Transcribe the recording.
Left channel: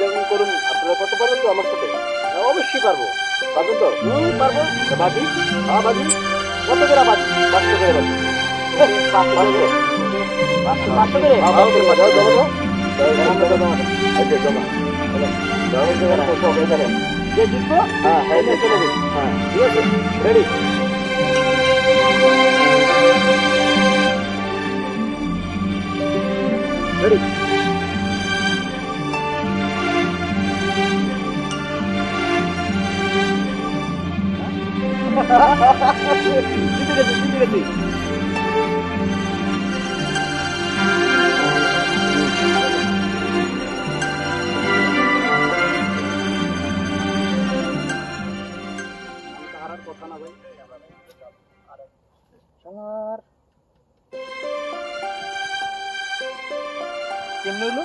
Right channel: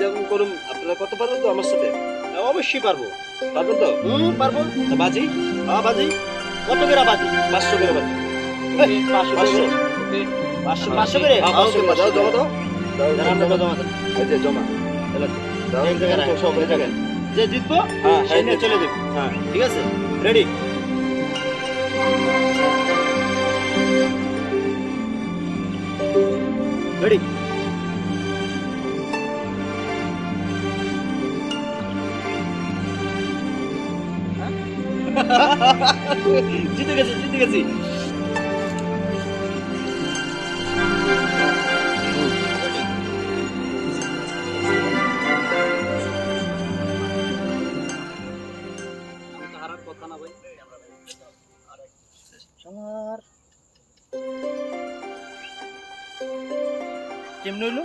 যখন করুন আপনারা কত পারবেন তো আমার সাথে? অবশ্যই পারবো। পারবেন তো? পারবো। তা বাজি? হ্যাঁ বাজি। কত করে বাজি? 500 করে বাজি। 500 500। 500 করে? হ্যাঁ 500 করে দাও জমা দাও। জমা দেবো, জমা দেবো। এই যে জমা। দাও এই জায়গায় তো সব এখানে। যে জিতবো হ্যাঁ সে নিয়ে চলে যাবে। হ্যাঁ ঠিক আছে, রেডি? রেডি? জিতে গেছি, জিতে গেছি। আমি তো হারার কথা না ভাই। শালার কেমনে হইলো?